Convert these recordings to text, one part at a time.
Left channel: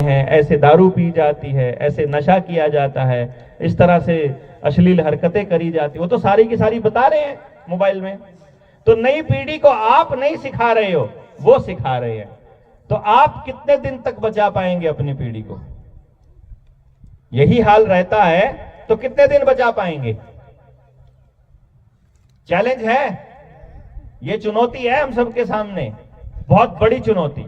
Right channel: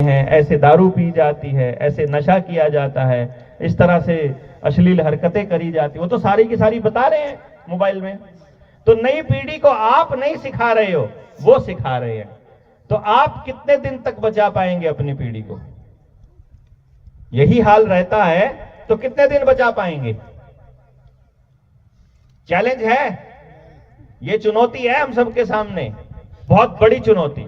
हैं, ऐसे दारू पी जाती है, ऐसे नशा किया जाता है, इस तरह से अश्लील हरकतें करी जाती, वो तो सारी की सारी बता रहे हैं मोबाइल में। तो नई पीढ़ी को आप नहीं सिखा रहे हो, वो सिखा रहे हैं। तो आप कितने दिन तक बचा पाएंगे अपनी पीढ़ी को? यही हाल रहता है तो कितने दिन बचा पाएंगे? चैलेंज है, ये चुनौती है हम सबके सामने, बहुत बड़ी चुनौती।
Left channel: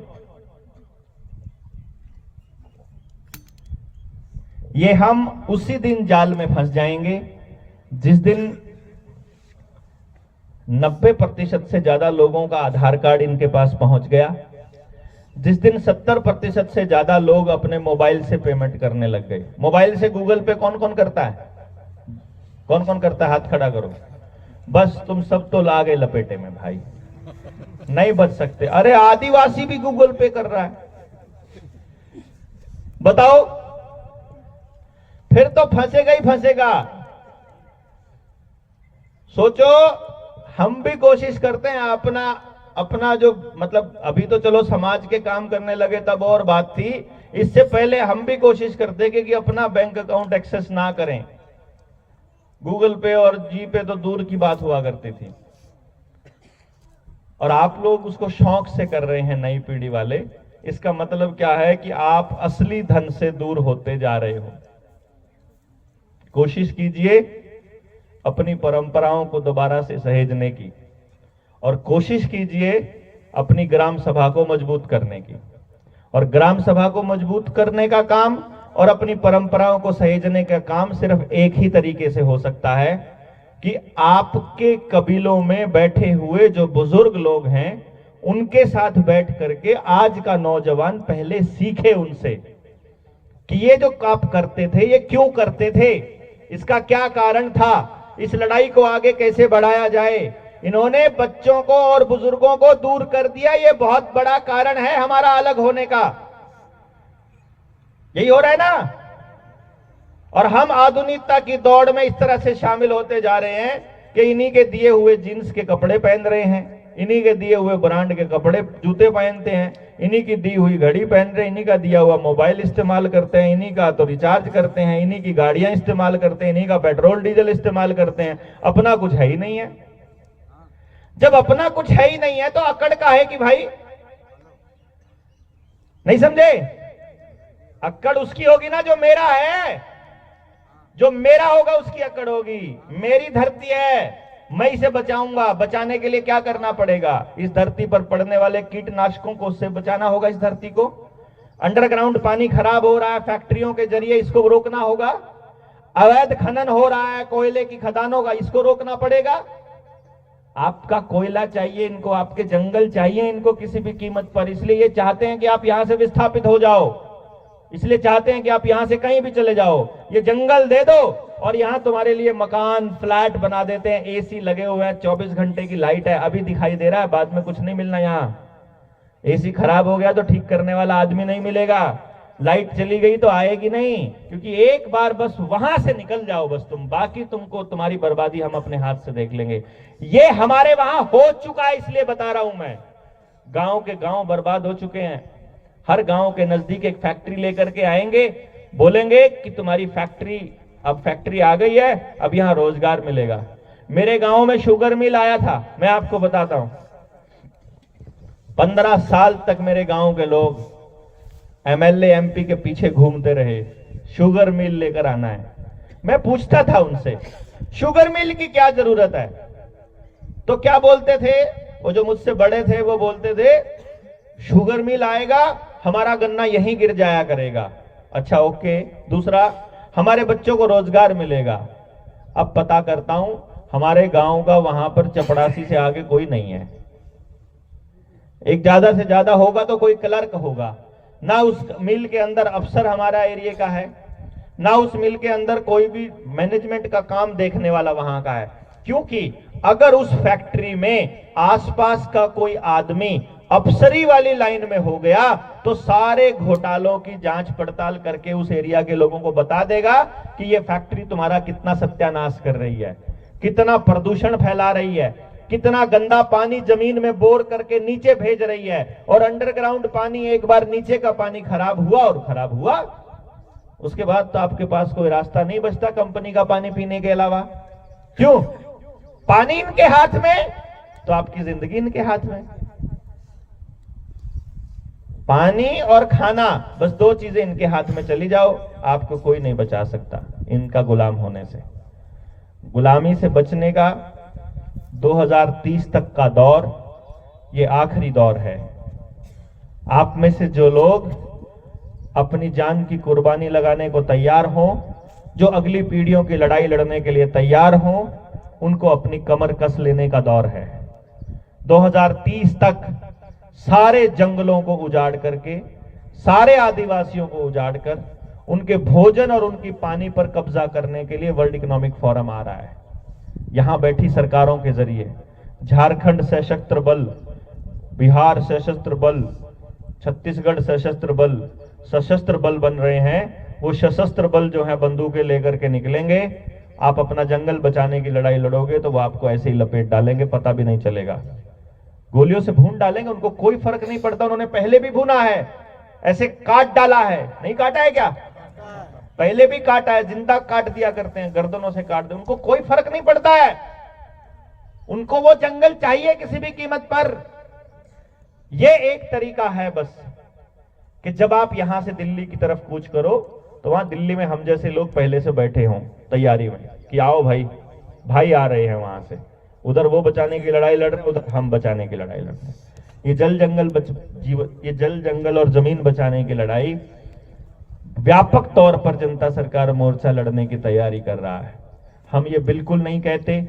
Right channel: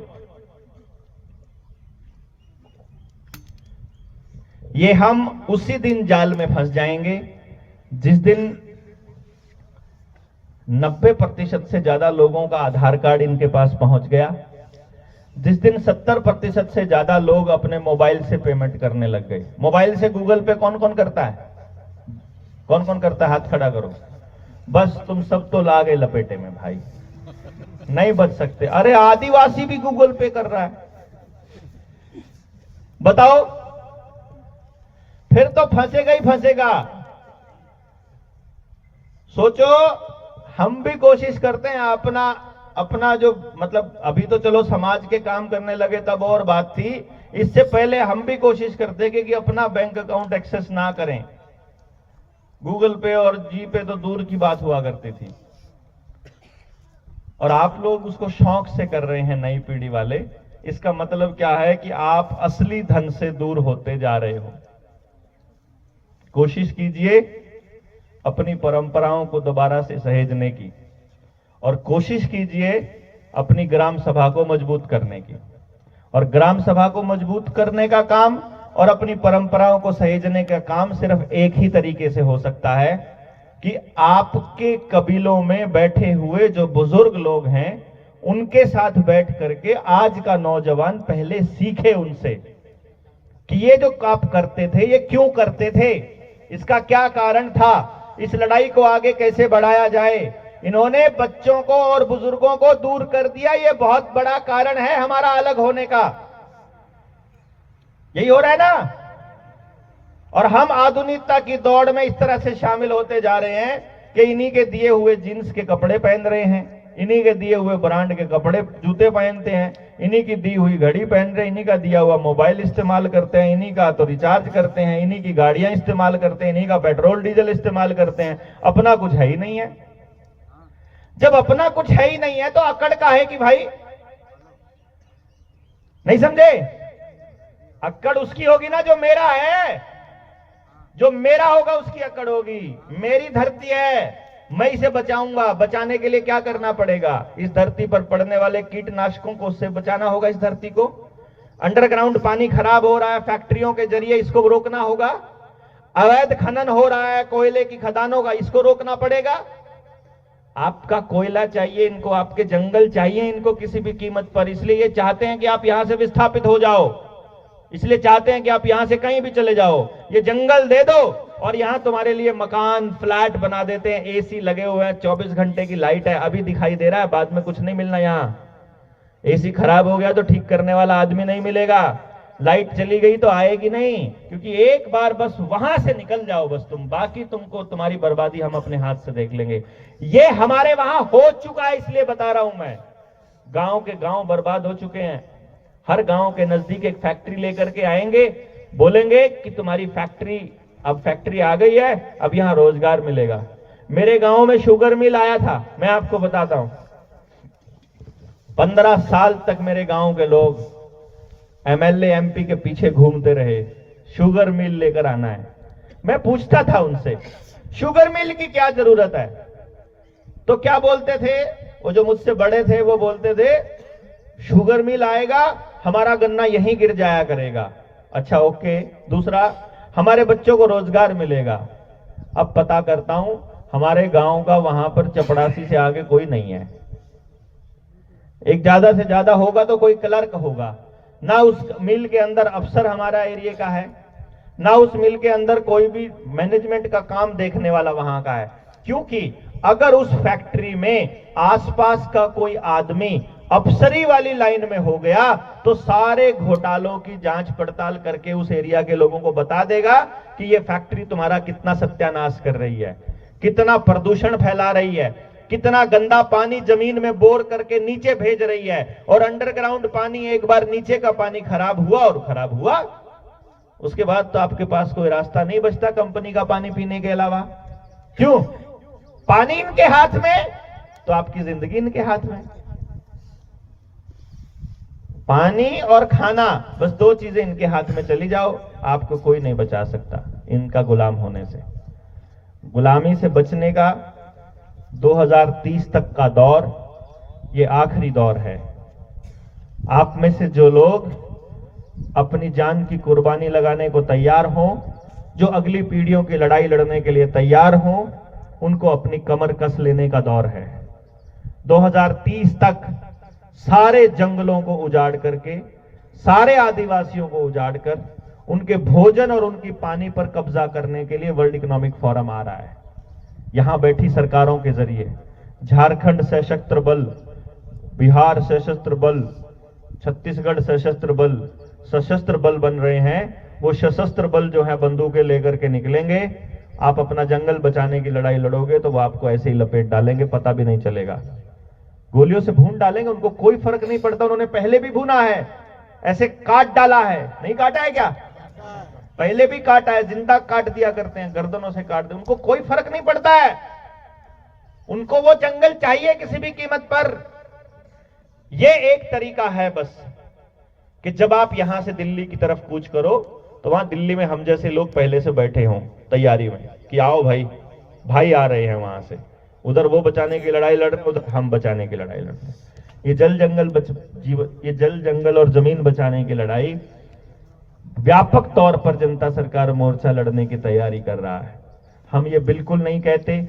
ये हम उसी दिन जाल में फंस जाएंगे जिस दिन 90% से ज्यादा लोगों का आधार कार्ड इनके पास पहुंच गया, जिस दिन 70% से ज्यादा लोग अपने मोबाइल से पेमेंट करने लग गए। मोबाइल से गूगल पे कौन कौन करता है? कौन कौन करता है? हाथ खड़ा करो। बस तुम सब तो ला गए लपेटे में भाई, नहीं बच सकते। अरे आदिवासी भी गूगल पे कर रहा है, बताओ, फिर तो फंसेगा ही फंसेगा। सोचो, हम भी कोशिश करते हैं अपना जो, मतलब अभी तो चलो समाज के काम करने लगे तब और बात थी, इससे पहले हम भी कोशिश करते कि अपना बैंक अकाउंट एक्सेस ना करें। गूगल पे और जी पे तो दूर की बात हुआ करती थी, और आप लोग उसको शौक से कर रहे हैं, नई पीढ़ी वाले। इसका मतलब क्या है कि आप असली धन से दूर होते जा रहे हो। कोशिश कीजिए अपनी परंपराओं को दोबारा से सहेजने की, और कोशिश कीजिए अपनी ग्राम सभा को मजबूत करने की। और ग्राम सभा को मजबूत करने का काम और अपनी परंपराओं को सहेजने का काम सिर्फ एक ही तरीके से हो सकता है कि आपके कबीलों में बैठे हुए जो बुजुर्ग लोग हैं, उनके साथ बैठ करके आज का नौजवान पहले सीखे उनसे कि ये जो आप करते थे ये क्यों करते थे, इसका क्या कारण था, इस लड़ाई को आगे कैसे बढ़ाया जाए। इन्होंने बच्चों को और बुजुर्गों को दूर कर दिया, ये बहुत बड़ा कारण है हमारा अलग होने का। यही हो रहा है ना? और हम आधुनिकता की दौड़ में इस तरह से शामिल होते जा रहे हैं कि इन्हीं के दिए हुए जींस के कपड़े पहन रहे हैं, इन्हीं के दिए हुए ब्रांड के कपड़े जूते पहनते हैं, इन्हीं की दी हुई घड़ी पहन रहे हैं, इन्हीं का दिया हुआ मोबाइल इस्तेमाल करते हैं, इन्हीं का तो रिचार्ज करते हैं, इन्हीं की गाड़ियां इस्तेमाल करते हैं, इन्हीं का पेट्रोल डीजल इस्तेमाल करते हैं। अपना कुछ है ही नहीं है। जब अपना कुछ है ही नहीं है तो अकड़ का है कि भाई, नहीं समझे? अकड़ उसकी होगी ना जो मेरा है, जो मेरा होगा उसकी अकड़ होगी। मेरी धरती है, मैं इसे बचाऊंगा। बचाने के लिए क्या करना पड़ेगा? इस धरती पर पड़ने वाले कीटनाशकों को उससे बचाना होगा। इस धरती को, अंडरग्राउंड पानी खराब हो रहा है फैक्ट्रियों के जरिए, इसको रोकना होगा। अवैध खनन हो रहा है कोयले की खदानों का, इसको रोकना पड़ेगा। आपका कोयला चाहिए इनको, आपके जंगल चाहिए इनको किसी भी कीमत पर, इसलिए ये चाहते हैं कि आप यहां से विस्थापित हो जाओ, इसलिए चाहते हैं कि आप यहां से कहीं भी चले जाओ। ये जंगल दे दो और यहां तुम्हारे लिए मकान फ्लैट बना देते हैं, एसी लगे हुए हैं, 24 घंटे की लाइट है, अभी दिखाई दे रहा है, बाद में कुछ नहीं मिलना। यहां एसी खराब हो गया तो ठीक करने वाला आदमी नहीं मिलेगा, लाइट चली गई तो आएगी नहीं, क्योंकि एक बार बस वहां से निकल जाओ बस तुम, बाकी तुमको तुम्हारी बर्बादी हम अपने हाथ से देख लेंगे। ये हमारे वहां हो चुका है, इसलिए बता रहा हूं मैं। गांव के गांव बर्बाद हो चुके हैं। हर गांव के नजदीक एक फैक्ट्री लेकर के आएंगे, बोलेंगे कि तुम्हारी फैक्ट्री, अब फैक्ट्री आ गई है, अब यहां रोजगार मिलेगा। मेरे गांव में शुगर मिल आया था, मैं आपको बताता हूं। 15 साल तक मेरे गांव के लोग एमएलए एमपी के पीछे घूमते रहे, शुगर मिल लेकर आना है। मैं पूछता था उनसे, शुगर मिल की क्या जरूरत है? तो क्या बोलते थे वो जो मुझसे बड़े थे, वो बोलते थे शुगर मिल आएगा, हमारा गन्ना यहीं गिर जाया करेगा। अच्छा ओके। दूसरा, हमारे बच्चों को रोजगार मिलेगा। अब पता करता हूं, हमारे गांव का वहां पर चपड़ासी से आगे कोई नहीं है। एक ज्यादा से ज्यादा होगा तो कोई क्लर्क होगा, ना उस मिल के अंदर अफसर हमारा एरिया का है, ना उस मिल के अंदर कोई भी मैनेजमेंट का काम देखने वाला वहां का है। क्योंकि अगर उस फैक्ट्री में आसपास का कोई आदमी अफसरी वाली लाइन में हो गया तो सारे घोटालों की जांच पड़ताल करके उस एरिया के लोगों को बता देगा कि ये फैक्ट्री तुम्हारा कितना सत्यानाश कर रही है, कितना प्रदूषण फैला रही है, कितना गंदा पानी जमीन में बोर करके नीचे भेज रही है, और अंडरग्राउंड पानी, एक बार नीचे का पानी खराब हुआ और खराब हुआ, उसके बाद तो आपके पास कोई रास्ता नहीं बचता कंपनी का पानी पीने के अलावा। क्यों? पानी इनके हाथ में तो आपकी जिंदगी इनके हाथ में। पानी और खाना, बस दो चीजें इनके हाथ में चली जाओ, आपको कोई नहीं बचा सकता इनका गुलाम होने से। गुलामी से बचने का 2030 तक का दौर ये आखिरी दौर है। आप में से जो लोग अपनी जान की कुर्बानी लगाने को तैयार हों, जो अगली पीढ़ियों की लड़ाई लड़ने के लिए तैयार हों, उनको अपनी कमर कस लेने का दौर है। 2030 तक सारे जंगलों को उजाड़ करके, सारे आदिवासियों को उजाड़ कर, उनके भोजन और उनकी पानी पर कब्जा करने के लिए वर्ल्ड इकोनॉमिक फोरम आ रहा है। यहां बैठी सरकारों के जरिए झारखंड सशस्त्र बल, बिहार सशस्त्र बल, छत्तीसगढ़ सशस्त्र बल बन रहे हैं। वो सशस्त्र बल जो है बंदूकें लेकर के निकलेंगे। आप अपना जंगल बचाने की लड़ाई लड़ोगे तो वो आपको ऐसे ही लपेट डालेंगे, पता भी नहीं चलेगा, गोलियों से भून डालेंगे। उनको कोई फर्क नहीं पड़ता, उन्होंने पहले भी भूना है, ऐसे काट डाला है, नहीं काटा है क्या? पहले भी काटा है, जिंदा काट दिया करते हैं, गर्दनों से काट दे, उनको कोई फर्क नहीं पड़ता है। उनको वो जंगल चाहिए किसी भी कीमत पर। ये एक तरीका है बस कि जब आप यहां से दिल्ली की तरफ कूच करो तो वहां दिल्ली में हम जैसे लोग पहले से बैठे हों तैयारी में कि आओ भाई, भाई आ रहे हैं वहां से, उधर वो बचाने की लड़ाई लड़ रहे, उधर हम बचाने की लड़ाई लड़ रहे। ये जल जंगल और जमीन बचाने की लड़ाई व्यापक तौर पर जनता सरकार मोर्चा लड़ने की तैयारी कर रहा है। हम ये बिल्कुल नहीं कहते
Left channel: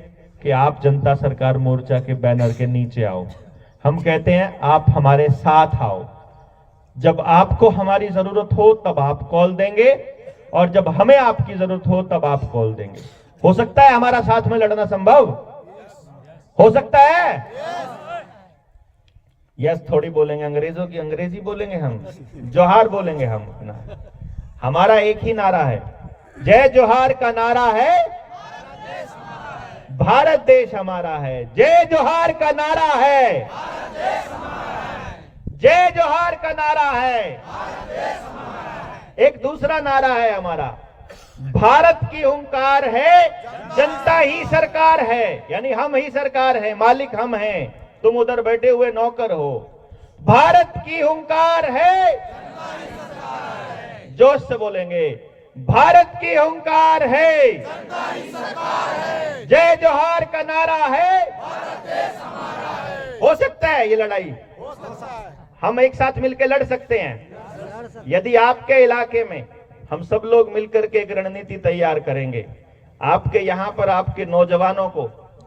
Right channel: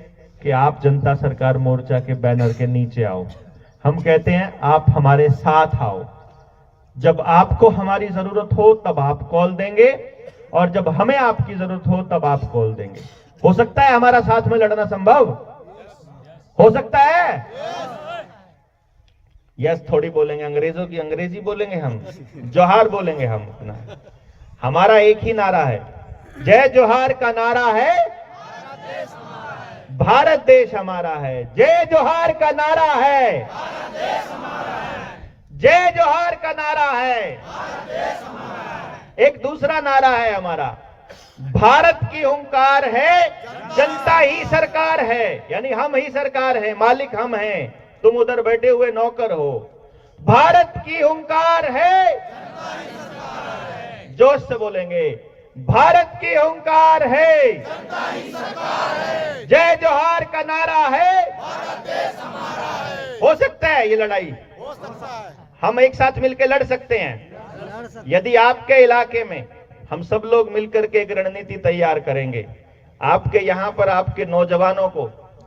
कि आप जनता सरकार मोर्चा के बैनर के नीचे आओ, हम कहते हैं आप हमारे साथ आओ। जब आपको हमारी जरूरत हो तब आप कॉल देंगे, और जब हमें आपकी जरूरत हो तब आप कॉल देंगे। हो सकता है हमारा साथ में लड़ना संभव हो सकता है? यस थोड़ी बोलेंगे, अंग्रेजों की अंग्रेजी बोलेंगे हम, जोहार बोलेंगे हम। हमारा एक ही नारा है, जय जोहार का नारा है, भारत देश हमारा है। जय जोहार का नारा है, जय जोहार का नारा है। एक दूसरा नारा है हमारा, भारत की हुंकार है, जनता ही सरकार है, यानी हम ही सरकार है, मालिक हम हैं, तुम उधर बैठे हुए नौकर हो। भारत की हुंकार है, जोश से बोलेंगे, भारत की हुंकार है, जय जोहार का नारा है। हो सकता है ये लड़ाई, हम एक साथ मिलकर लड़ सकते हैं। यदि आपके इलाके में हम सब लोग मिलकर के एक रणनीति तैयार करेंगे, आपके यहां पर आपके नौजवानों को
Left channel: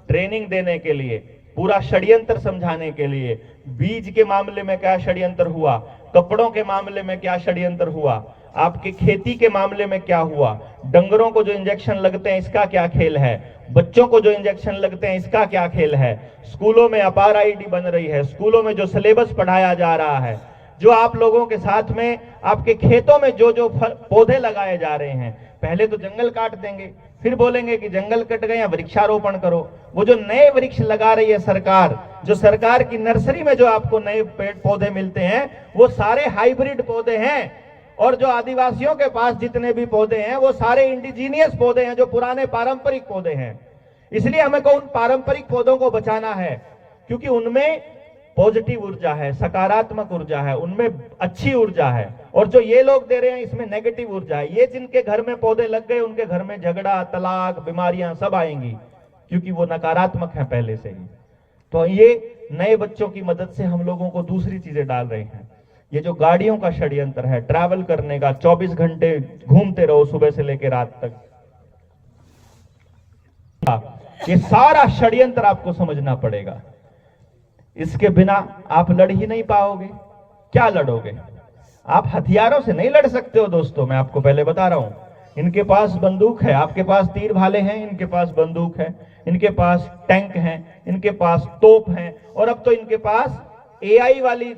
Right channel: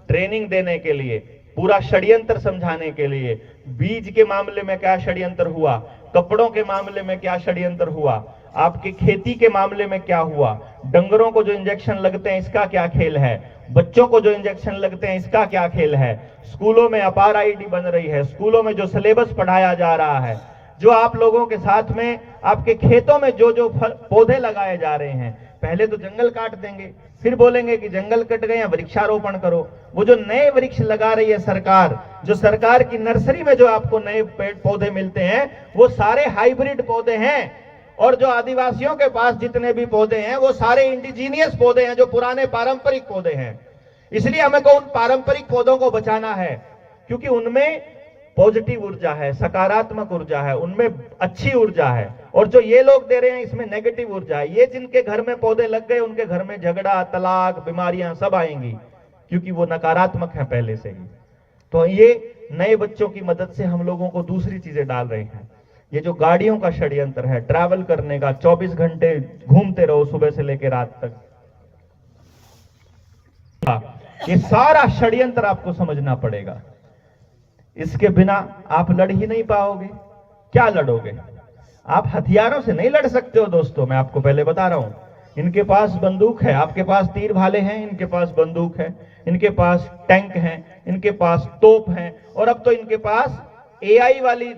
ट्रेनिंग देने के लिए, पूरा षड्यंत्र समझाने के लिए, बीज के मामले में क्या षड्यंत्र हुआ, कपड़ों के मामले में क्या षड्यंत्र हुआ, आपकी खेती के मामले में क्या हुआ, डंगरों को जो इंजेक्शन लगते हैं इसका क्या खेल है, बच्चों को जो इंजेक्शन लगते हैं इसका क्या खेल है, स्कूलों में अपार आईडी बन रही है, स्कूलों में जो सिलेबस पढ़ाया जा रहा है, जो आप लोगों के साथ में आपके खेतों में जो जो पौधे लगाए जा रहे हैं। पहले तो जंगल काट देंगे, फिर बोलेंगे कि जंगल कट गए या वृक्षारोपण करो। वो जो नए वृक्ष लगा रही है सरकार, जो सरकार की नर्सरी में जो आपको नए पेड़ पौधे मिलते हैं, वो सारे हाइब्रिड पौधे हैं, और जो आदिवासियों के पास जितने भी पौधे हैं वो सारे इंडिजीनियस पौधे हैं, जो पुराने पारंपरिक पौधे हैं। इसलिए हमें को उन पारंपरिक पौधों को बचाना है, क्योंकि उनमें पॉजिटिव ऊर्जा है, सकारात्मक ऊर्जा है, उनमें अच्छी ऊर्जा है। और जो ये लोग दे रहे हैं इसमें नेगेटिव ऊर्जा है। ये जिनके घर में पौधे लग गए उनके घर में झगड़ा, तलाक, बीमारियां सब आएंगी, क्योंकि वो नकारात्मक है पहले से ही। तो ये नए बच्चों की मदद से हम लोगों को दूसरी चीजें डाल रहे हैं। ये जो गाड़ियों का षड्यंत्र है, ट्रैवल करने का, 24 घंटे घूमते रहो सुबह से लेकर रात तक, ये सारा षड्यंत्र आपको समझना पड़ेगा। इसके बिना आप लड़ ही नहीं पाओगे। क्या लड़ोगे? आप हथियारों से नहीं लड़ सकते हो दोस्तों, मैं आपको पहले बता रहा हूं। इनके पास बंदूक है, आपके पास तीर भाले हैं, इनके पास बंदूक है, इनके पास टैंक हैं, इनके पास तोप हैं, और अब तो इनके पास एआई वाली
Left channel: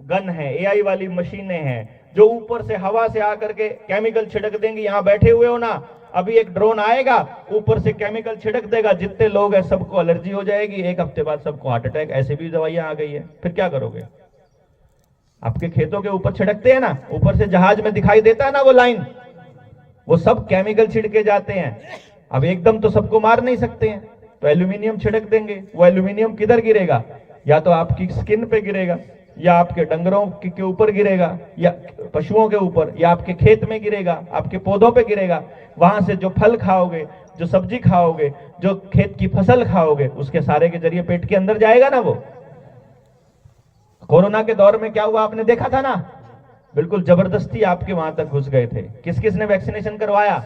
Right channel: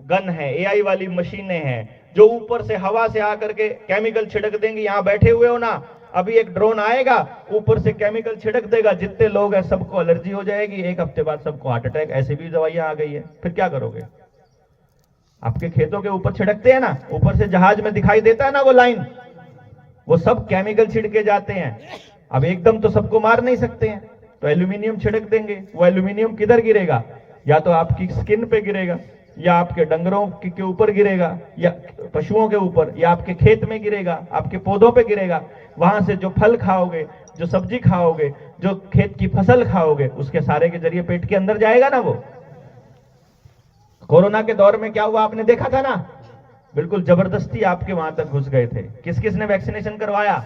गन है, एआई वाली मशीनें हैं, जो ऊपर से हवा से आकर के केमिकल छिड़क देंगे। यहाँ बैठे हुए हो ना, अभी एक ड्रोन आएगा, ऊपर से केमिकल छिड़क देगा, जितने लोग हैं सबको एलर्जी हो जाएगी, 1 हफ्ते बाद सबको हार्ट अटैक। ऐसे भी दवाइयां आ गई है, फिर क्या करोगे? आपके खेतों के ऊपर छिड़कते हैं ना, ऊपर से जहाज में दिखाई देता है ना वो लाइन, वो सब केमिकल छिड़के जाते हैं। अब एकदम तो सबको मार नहीं सकते हैं, तो एल्यूमिनियम छिड़क देंगे। वो एल्यूमिनियम किधर गिरेगा? या तो आपकी स्किन पे गिरेगा, या आपके डंगरों के ऊपर गिरेगा, या पशुओं के ऊपर, या आपके खेत में गिरेगा, आपके पौधों पे गिरेगा। वहां से जो फल खाओगे, जो सब्जी खाओगे, जो खेत की फसल खाओगे, उसके सारे के जरिए पेट के अंदर जाएगा ना वो। कोरोना के दौर में क्या हुआ आपने देखा था ना, बिल्कुल जबरदस्ती आपके वहां तक घुस गए थे। किस किस ने वैक्सीनेशन करवाया?